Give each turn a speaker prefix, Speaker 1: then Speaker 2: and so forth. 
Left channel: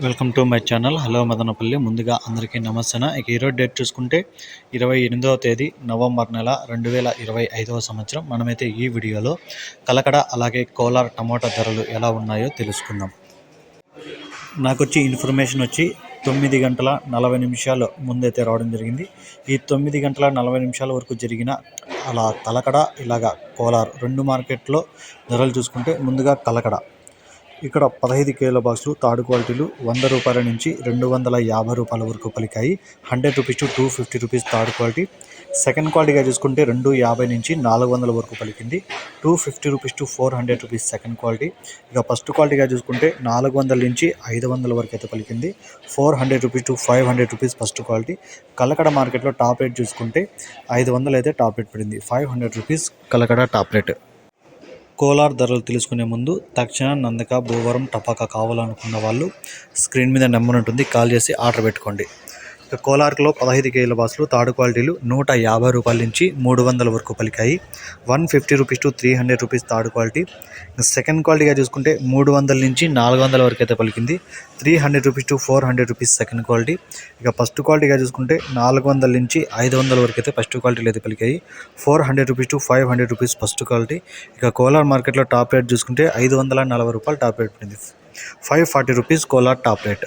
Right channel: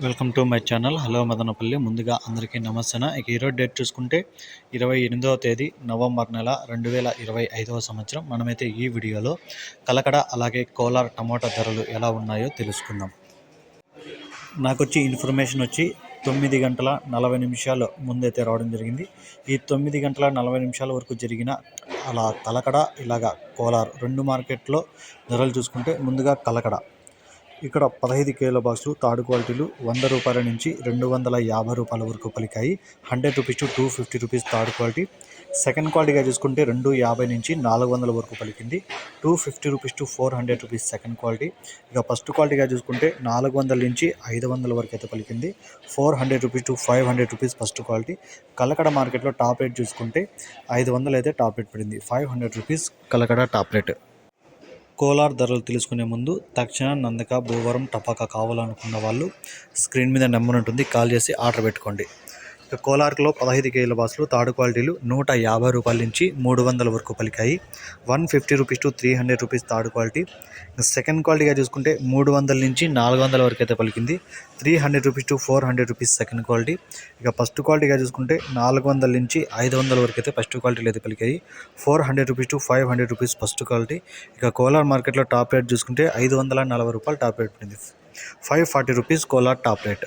Speaker 1: Welcome to my channel. Hello Madanapalle. ముందుగా అందరికీ నమస్తే ఇక ఈరోజు డేట్ చూసుకుంటే ఇరవై ఎనిమిదవ తేదీ నవంబర్ నెల రెండు వేల ఇరవై ఐదవ సంవత్సరం. మనమైతే ఈ వీడియోలో కలకడ అలాగే కోలార్ టమాటా ధరలు ఎలా ఉన్నాయో తెలుసుకుందాం. నాకు వచ్చి ఇన్ఫర్మేషన్ వచ్చి తొమ్మిది గంటల నలభై నిమిషాలు ముందైతే రావడం జరిగింది. ఈ తొమ్మిది గంటల నలభై నిమిషాల వరకు జరిగిన అలా కలకడ ఇలాగా కోలార్ రెండు మార్కెట్లో ధరలు చూసుకుంటే ముందుగా కలకడ. ఇక్కడ పదహైదు కేల బాక్సులు థర్డ్ క్వాలిటీలు వంద రూపాయల నుంచి రెండు వందల యాభై రూపాయల వరకు పలికాయి. Hundred rupees to two fifty rupees third quality. Second క్వాలిటీగా చూసుకుంటే రెండు యాభై నుంచి నాలుగు వందల వరకు పలికింది. Two fifty rupees to four hundred rupees second quality. ఇక ఫస్ట్ క్వాలిటీగా చూసుకుంటే నాలుగు వందల నుంచి ఐదు వందల వరకు అయితే పలికింది. Four hundred rupees to five hundred rupees first quality. Kalakada మార్కెట్లో టాప్ రేట్ చూసుకుంటే ఐదు వందలు అయితే టాప్ రేట్ పడింది. Five hundred rupees Kalakada top rate. Kolar ధరలు తెలుసుకునే ముందు తక్షణ నందక భూవరం టపాకా కావాలనుకున్న వాళ్ళు స్క్రీన్ మీద నెంబర్ ఉంటుంది కాల్ చేసి ఆర్డర్ పెట్టుకోండి. ఇక పదహైదు కేజీల బాసులు థర్డ్ క్వాలిటీలు నూట యాభై రూపాయల నుంచి మూడు వందల వరకు పలికాయి. One fifty rupees to three hundred rupees third quality. Second క్వాలిటీగా చూసుకుంటే మూడు వందల నుంచి నాలుగు వందల వరకు అయితే పలికింది. Three hundred rupees to four hundred rupees second quality. ఇక ఫస్ట్ క్వాలిటీగా చూసుకుంటే నాలుగు వందల నుంచి ఐదు వందల వరకు అయితే ఫస్ట్ క్వాలిటీలు అయితే పలికాయి. Four hundred rupees to five hundred rupees first quality. ఇక కోలార్ మార్కెట్లో టాప్ రేట్ చూసుకుంటే ఐదు వందల నలభై రూపాయలు టాప్ రేట్ పడింది. Five forty rupees Kolar top rate.